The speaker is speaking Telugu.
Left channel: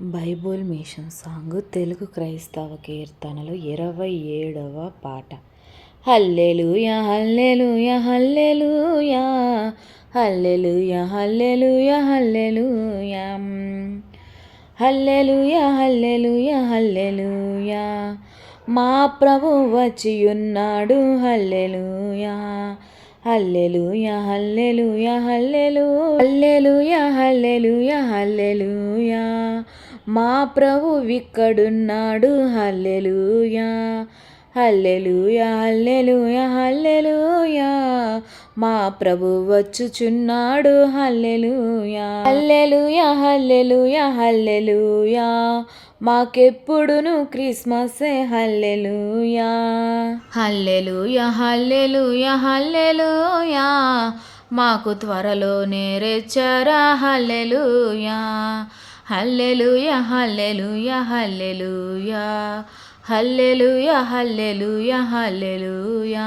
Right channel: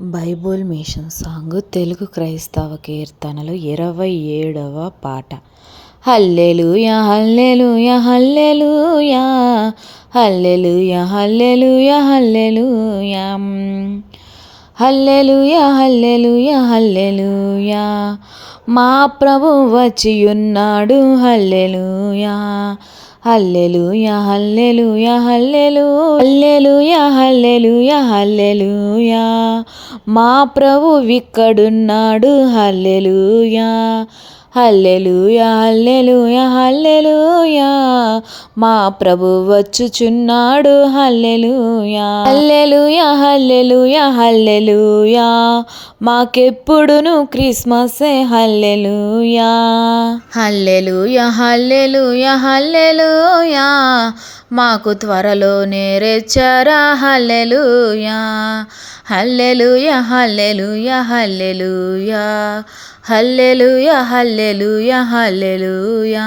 బైబుల్ మిషన్ సాంగ్ తెలుగు క్రైస్తవ కీర్తనలు ఇరవై ఏడవ పాట. Hallelujah hallelujah hallelujah hallelujah hallelujah hallelujah. Hallelujah hallelujah hallelujah. మా ప్రభు వచ్చి ఉన్నాడు హల్లెలూయా హల్లెలూయా హల్లెలూయా హల్లెలూ హల్లెలూయా హల్లెలూయా హల్లెలూయా. మా ప్రభు ఇక్కడున్నాడు హల్లెలూయా హల్లెలూయా హల్లెలూయా హల్లెలూయా. మా ప్రభు వచ్చుచున్నాడు. హల్లెలూయా. హల్లెలుయా హల్లెలుయా హల్లెలూయా. మాకెప్పుడును క్రిస్మసే? హల్లెలుయా. Hallelujah hallelujah hallelujah. మాకు త్వరలో నేరెచ్చరా హల్లెలుయా. Hallelujah hallelujah hallelujah. Hallelujah hallelujah hallelujah.